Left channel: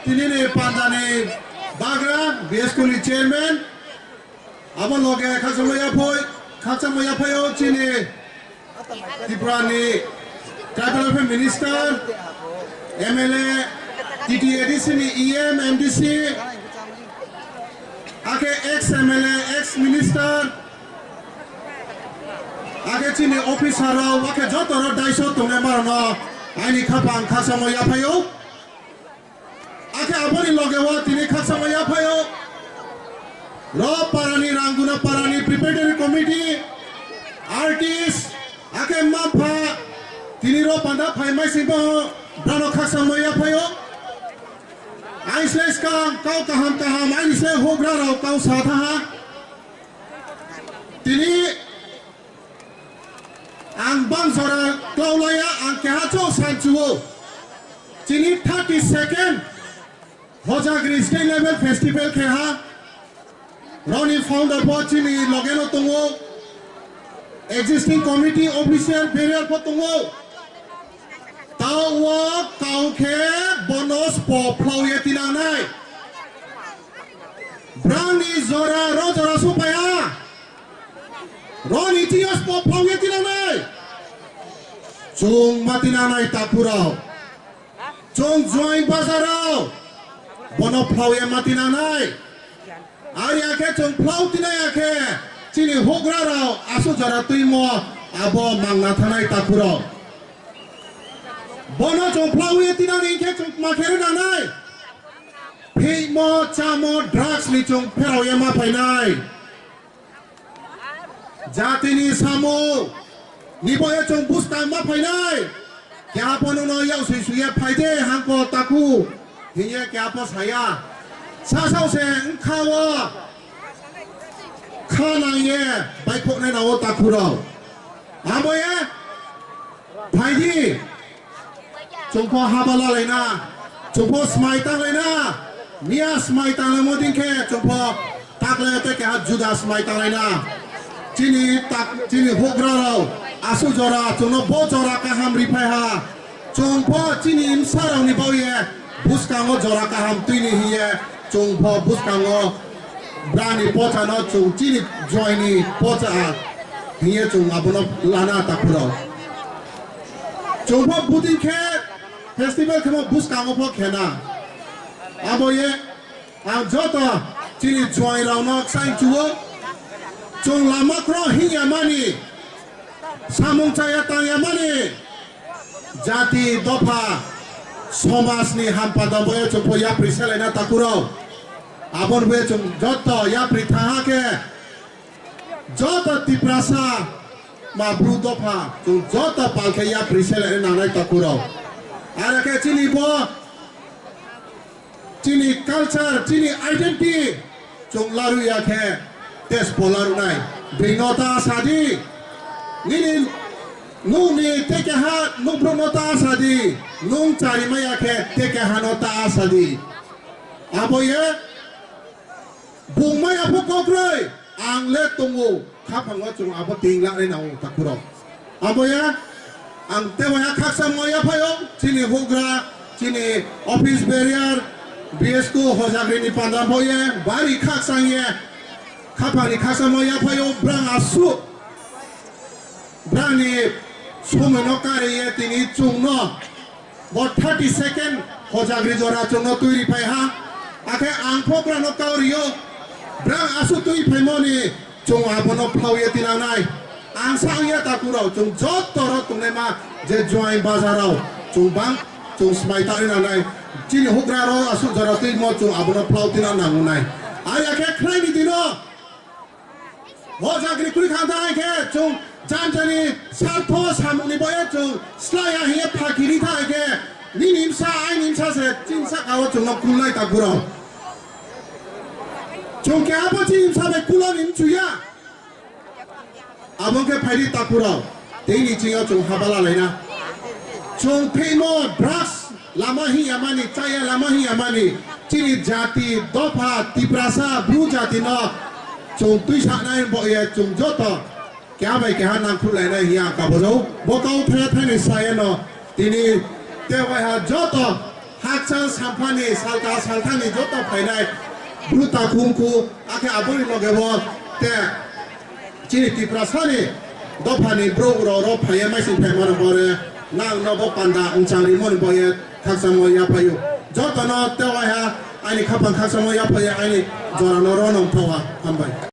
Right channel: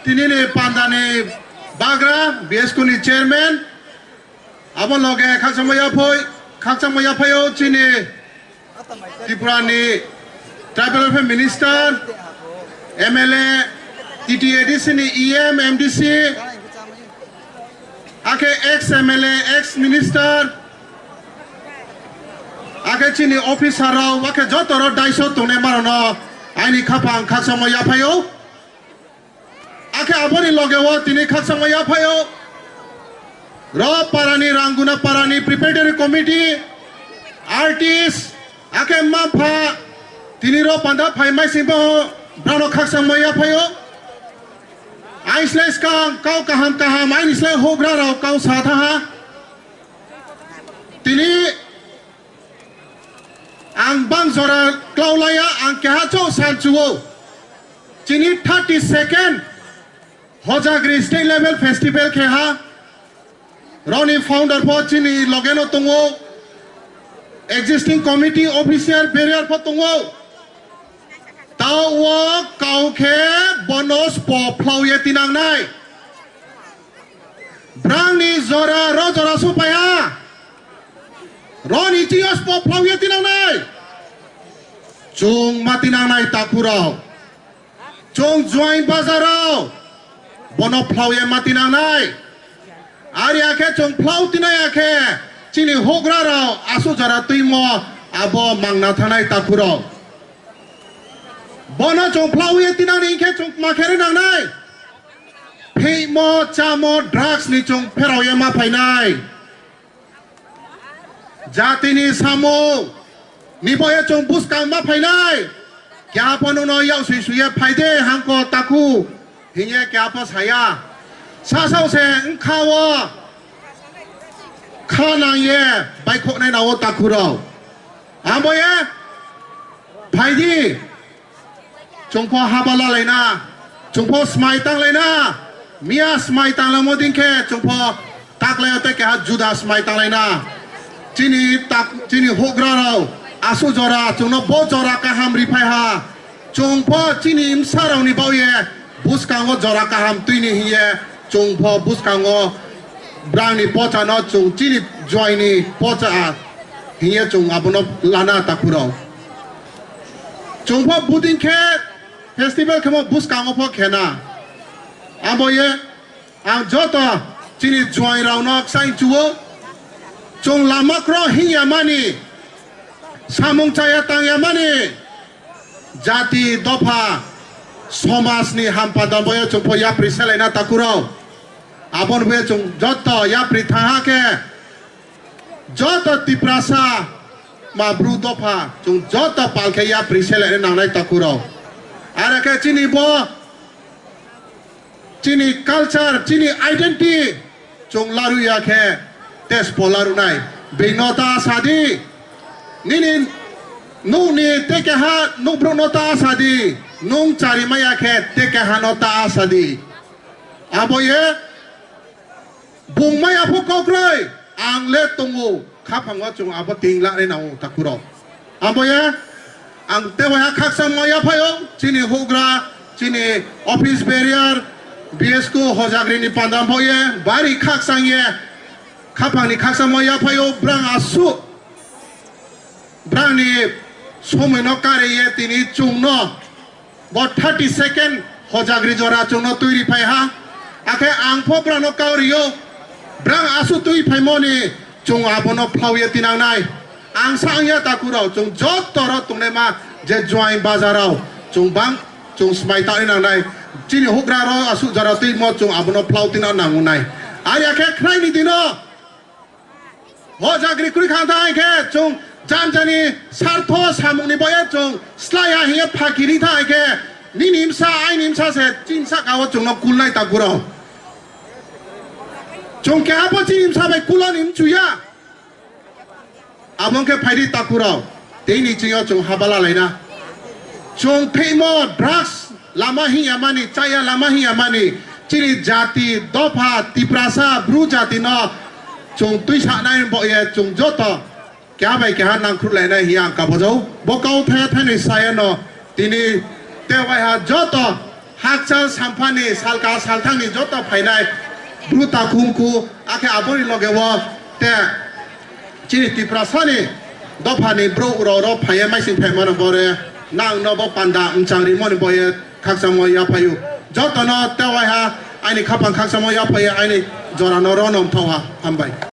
Tini ni pandani bagra BSK ni chairman abon loge khaksamaya phoyo chini Tiprani tribal affairs minister MLA TTADC ni EM MDC ake ex MLA ex minister ake chini officer rao ake jotoro daiso tungne marono aini khapang khaksamaya phoyo ake aboni logewo tini khaksamaya phoyo ro parani ranguna parani preparatory committee artist ake mapha tini ro panda phaimai sibo brano khaksamaya phoyo aisles kau kaham aisles hogra rao kau satha tini ang bang zora klaulaya ang kehacho sanchuo tini 32nd Hojagiri state level festival keha Roni founder po chini logeno tungo existing committee officer barrier po tungo tawo kau ke bonus po ploye tinang nai brangni zora ro zora supaya Roni tios po ploye tinang nai chung matinang nai takpurao chung join bazarao bono ploye matinang nai Arya ke chung plau tinaya ke chini hogra rao asu jara tuimo abo mangna thanai takpurao bono chung plau ye tinang ni ke chung makhere nang nai phimo chamo drugs ni chung pherao ye ma phainai jati ni samo ni boye chung buskang ma phainai kya ponu no yau sui sui ye phaide hangko taku hinye kya pa saya Sasau se kawa kanang ye baikok nai nawo takurao ambo ye phaidi chungpo habala laina chungpo smai tang laina mia smai tang la modin ke chungpo takle te ke juda smai tang laina chini hogra rao asu jora chungno bo jora ka hamri phai ha chungpo chini imsarang ni bau ye buskango jora ka ham tuini hiye chung po buskango brani pocha no chung chini joini pocha hiye chung abono lana takuro chung po budin ke festival kemo buskango po kena aboye ang jota chini join rao no sain chuo chung lama kro hiya mani samung chaya tang ya mani jati dopa somas ni hampada boye chung po ya prisele na takuro abon be chung joto ya prithaha ke joto tiprasa ma brudopa chung joto palke ya prisele nang nai takuro ara ke chini bo chini culture chini identity chung laru ya ke tes polaru nai binota sadi nini nuni teke ha nu brunota sadi nung cari maya ke teke hanota sadi aboye bung maya pokokrai ang le tungu khapangwa chung abo tingla le nau takuro aboye ang tewaya khaksam maya phayo chini hogra chini office barrier BSK Hojagiri ni pandam boye bari khaksang ye khapang ni khaksam maya phayo brang asu brang ni someno kare ye tini chungno bo 32nd Hojagiri jora chungno tuiri phai ha ake angpho brano kaurio brang asu tui phai moni chung abono phau ye tinang nai ang sang ye takuro chung jot toro tungne ma je join bazarao chung bang chung smai ta nang nai chini hogra ro asu jara tui mo chung abono phau tinang nang nai aya ke khnai ni dino Hojagiri kuri khanta ke chung janjani sartho samuni boye chung slaya hiye phakiri tha ke ni nimsa ai nimsa se chinsa kawo chung no kulnai takuro chung ke apo nimsa be kulo nim chuya abong ke phairi takuro teini chiyo chung habala laina chung phemo drugs lama hi amani chaya lama hi amani chini jati dopa tiprasa bru jati no chung tuisa nai boye chung joto kya bai kya nang khulai na hiya ka bojau bokau the the ni sai no tini te wai ha joto 학자 삼판이 살가 살탕이 좋다 파이나이 블루타 쿵쿠 아케 아버리 로게워 때 지리티 프라사니 도파니 브로우로로 파예 마이싱 페마르 보레 낭 너보 판다 응창리 모니 보예 각사모 야파유 저토노 때와야 아니 카판 각사모 야파예 아니 조라노로 놈토와 한바이